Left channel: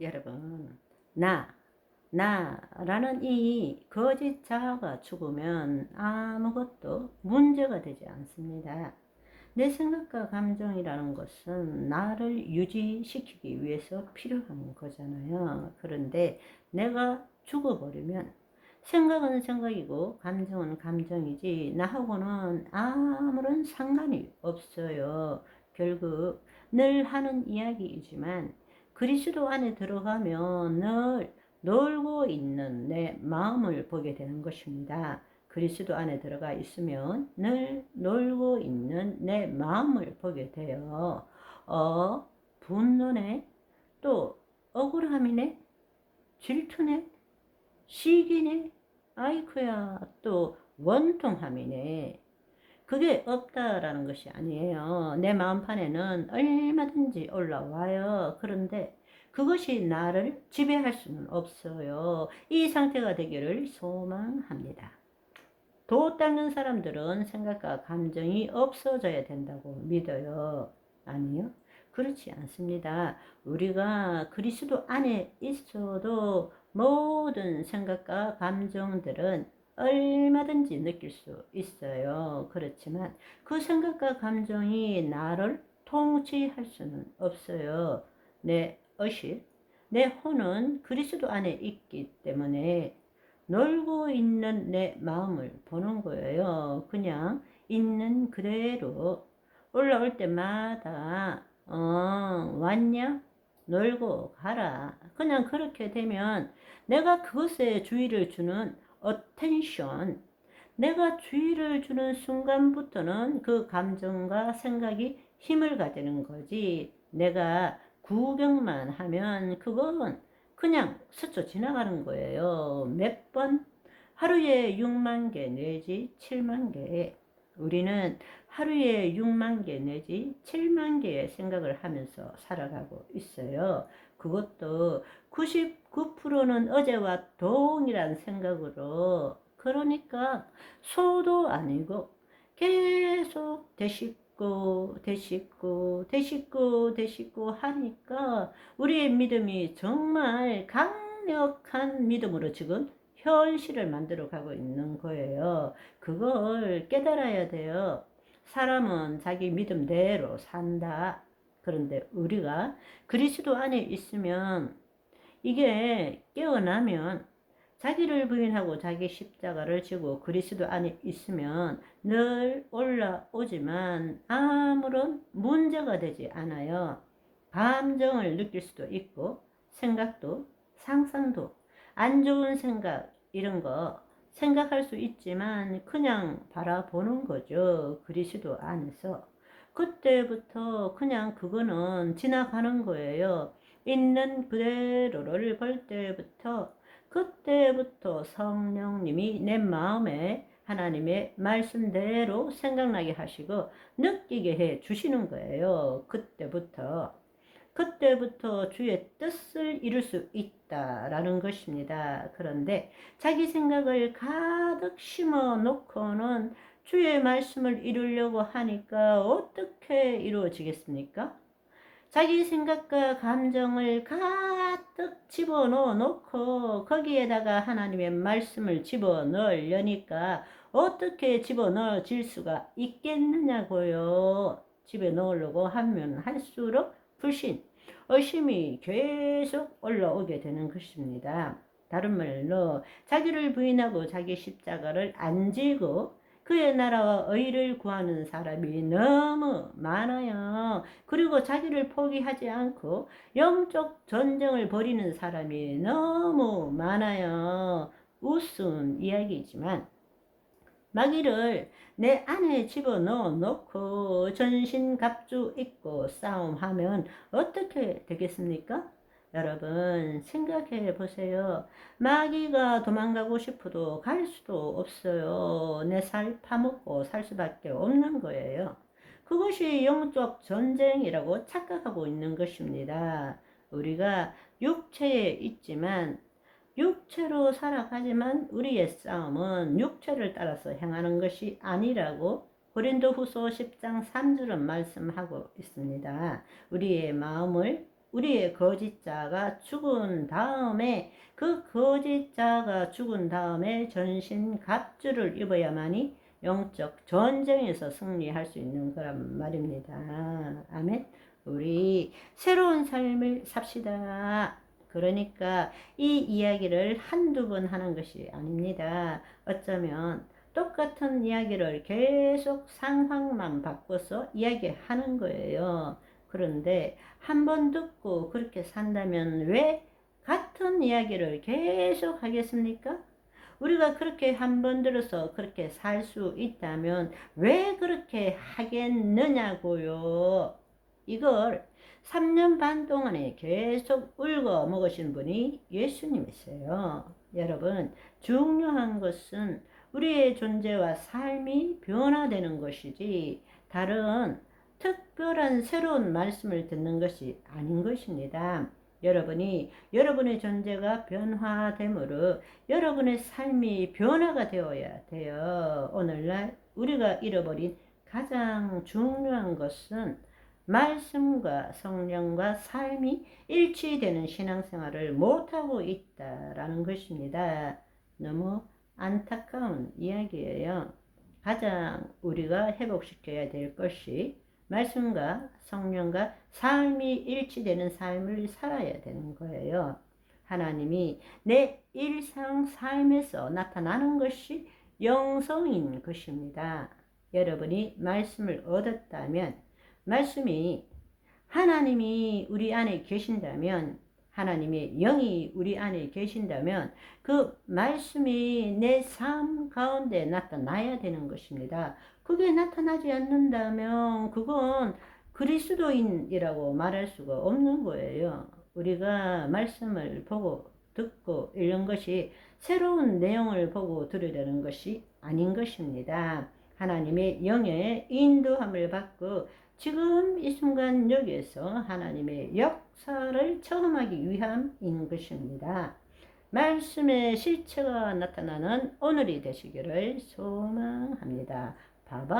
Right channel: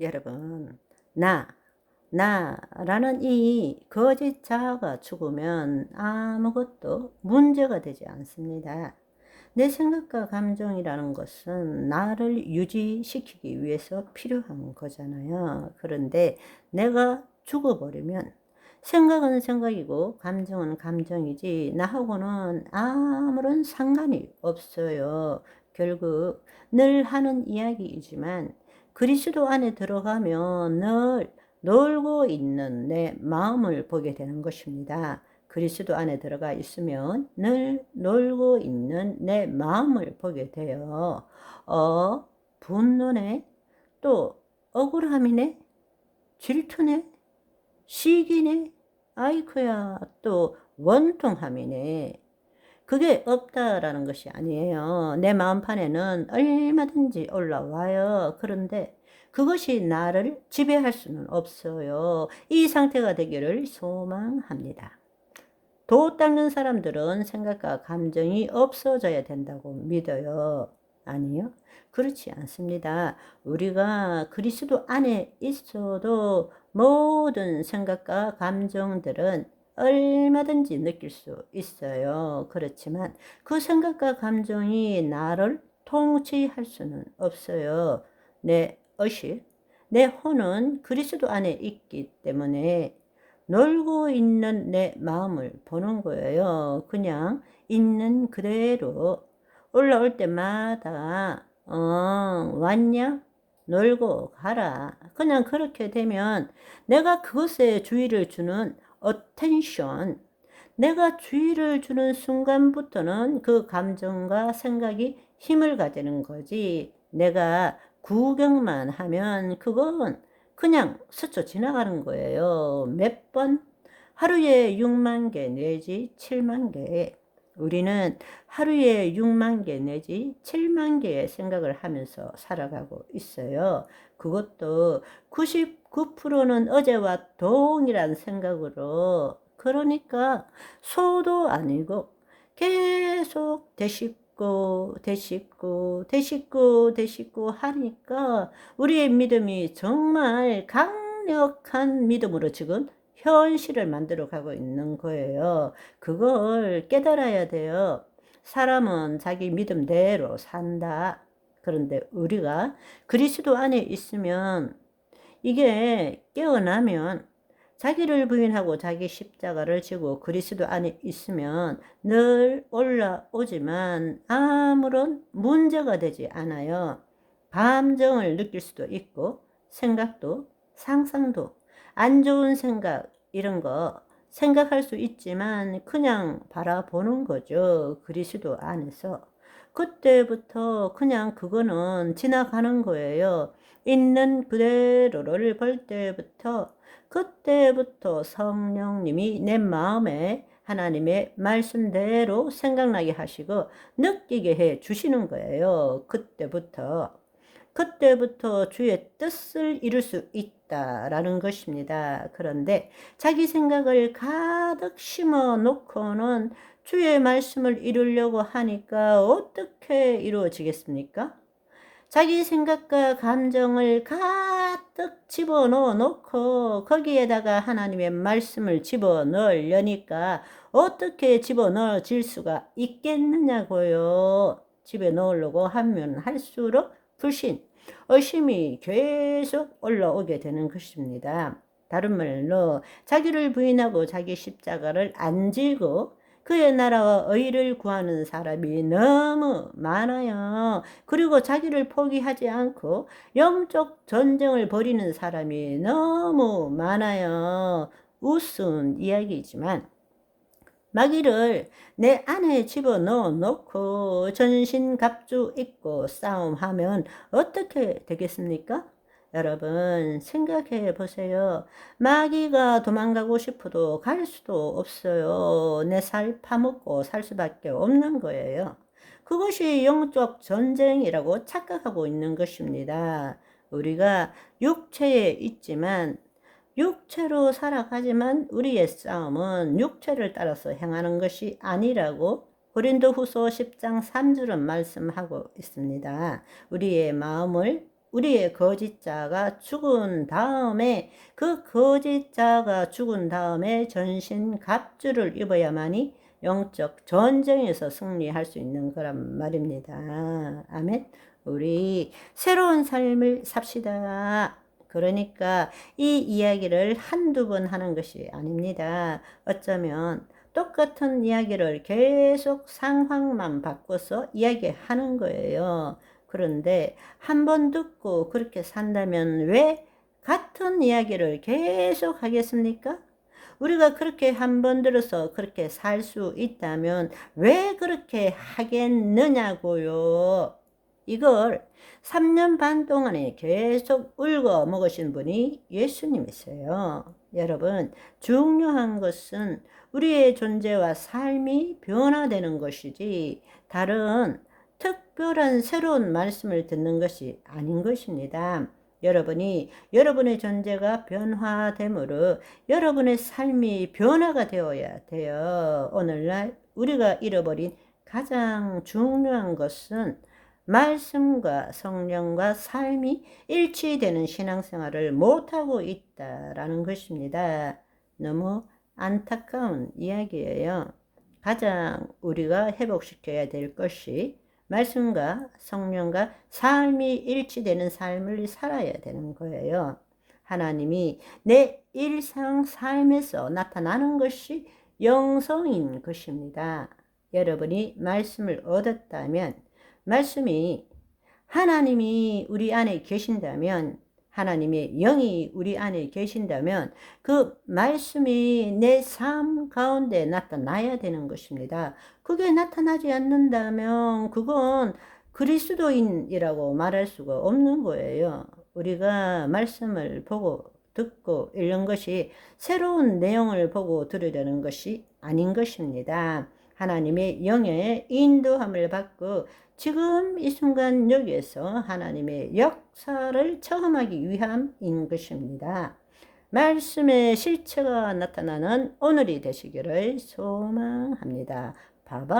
여러분, 나라는 이 거짓 자아가 죽으면 아무것도 문제가 되지 않습니다. 내 생각과 감정이라는 것은 나를 유지시키기 위해서 필요한 거잖아요. 그런데 내가 죽어버리면 생각은 생각이고 감정은 감정이지 나하고는 아무런 상관이 없어요. 결국 늘 하는 이야기이지만 그리스도 안에 들어가면 늘 놀고 있는 내 마음을 보게 되는 것입니다. 그리스도 안에 들어가 있으면 늘 놀고 있는 내 마음을 보게 돼요. 분노네, 또 억울함이네, 질투네, 시기네, 아이쿠야, 또 원통함이네. 그게 없다라는 것이 아니에요. 내 마음판에는 얼마든지 올라와요. 그런데 그것이 나를 지배할 수는 없어요. 이 상태가 되기를 소망합니다. 도 닦는 사람들은 생각과 감정이 없어져야 된다고 믿어요. 아니요. 그렇지 않습니다. 우리가 그리스도 안에 있어도 모든 생각과 감정들은 얼마든지 느낄 수 있어요. 그렇지만 그 생각과 감정이 나를 통치할 수는 없어요. 내 의식, 내 혼은 그리스도 안에 있기 때문에 놀고 있는 내 마음을 보는 거예요. 그냥 있는 그대로 올라올 때마다 왔냐? 놀고 가라. 그냥 그렇게 되면 내가 그것에 주의를 주는 attention, 내가 주의를 주는 순간부터는 그 감정과 생각이 힘을 가지는 거지. 내가 구경만 하면 그건 그냥 스쳐 지나가는 거예요. 몇 번? 하루에 6만 개 내지 7만 개. 우리는 하루에 6만 개 내지 7만 개의 생각을 하면서 살아가고 있어요. 그것도 99%는 어제와 동일한 생각으로, 그러니까 소도 아니고 계속 되씹고 하니까 우리의 믿음이 정말 강력한 믿음으로 지금 현실을 만들어 가고 있는 거예요. 그걸 깨달아야 돼요. 사람은 자기 믿음대로 산다. 그런데 우리가 그리스도 안에 있으면, 이게 깨어나면, 자기를 부인하고 자기 십자가를 지고 그리스도 안에 있으면 늘 올라오지만 아무런 문제가 되지 않아요. 감정을 느낄 수도 있고 생각도, 상상도, 안 좋은 생각 이런 거 생각할 수 있지만 그냥 바라보는 거죠. 그리스도 안에서. 그때부터 그냥 그거는 지나가는 거예요. 있는 그대로를 볼 때부터, 그때부터 성령님이 내 마음에 하나님의 말씀대로 생각나게 하시고 느끼게 해 주시는 거예요. 그때부터 주의 뜻을 이룰 수 있다라는 것입니다. 그런데 자기 생각을 가득 심어 놓고는 주의 말씀을 이루려고 하니까 어떻게 이루어지겠습니까? 자기 생각과 감정을 가득 집어넣어 놓고 거기에다가 하나님의 말씀을 집어넣으려니까 어떻게 집어넣어질 수가 있겠느냐고요. 집어넣으려고 하면 할수록 불신, 의심이 계속 올라오게 되는 것입니다. 다른 말로 자기를 부인하고 자기 십자가를 안 지고 그의 나라와 의를 구하는 사람이 너무 많아요. 그리고 자기를 포기하지 않고 영적 전쟁을 벌이는 사람이 너무 많아요. 우스운 이야기지만 마귀를 내 안에 집어넣어 놓고 전신갑주 입고 싸움하면 어떻게 되겠습니까? 여러분 생각해 보세요. 마귀가 도망가고 싶어도 갈 수도 없어요. 내 살 파먹고 살 수밖에 없는 거예요. 그것이 영적 전쟁이라고 착각하고 있는 것입니다. 우리가 육체에 있지만 육체로 살아가지만 우리의 싸움은 육체를 따라서 행하는 것이 아니라고 고린도후서 10장 3절은 말씀하고 있습니다. 우리의 마음을 우리의 거짓자가 죽은 다음에 그 거짓자가 죽은 다음에 전신 갑주를 입어야만이 영적 전쟁에서 승리할 수 있는 거란 말입니다. 아멘. 우리 새로운 삶을 삽시다. 그러니까 이 이야기를 한두 번 하는 것이 아닙니다. 어쩌면 똑같은 이야기를 계속 상황만 바꿔서 이야기하는 거예요. 그런데 한 번 듣고 그렇게 산다면 왜 같은 이야기를 계속 하겠습니까? 우리가 그렇게 한 번 들어서 그렇게 살 수 있다면 왜 그렇게 하겠느냐고요. 이걸 3년 반 동안에 계속 울고 먹으신 분이 예수님이세요. 여러분, 중요한 것은 우리의 존재와 삶이 변화되는 것이지 다른 특별한 새로운 말씀을 듣는 것이 아닌 것입니다. 여러분이 여러분의 존재가 변화됨으로 여러분의 삶이 변화가 되어야 돼요. 오늘날 우리가 잃어버린 가장 중요한 것은 말씀과 성령과 삶이 일치되는 신앙생활을 못하고 있다라는 것입니다. 너무 안타까운 이야기예요. 가장 우리가 회복시켜야 될 것이 말씀과 성령과 삶이 일치되는 삶을 살아야 되는 거예요. 하나님이 내 일상 삶에서 나타나는 것이 영성인 것입니다. 여러분이 말씀을 얻었다면, 말씀이 하나님이 우리 안에 계신다면, 하나님의 영이 우리 안에 계신다면 그 말씀이 내 삶 가운데 나타나야 되는 것입니다. 그게 나타나지 않는다면 그건 그리스도인이라고 말할 수가 없는 거예요. 우리가 말씀을 보고 듣고 읽는 것이 새로운 내용을 보고 들으려는 것이 아닌 것입니다. 하나님의 영의 인도함을 받고 지금 이 순간 여기에서 하나님의 역사를 체험하기 위함인 것입니다. 말씀의 실체가 나타나는 오늘이 되시기를 소망합니다. 바이바이.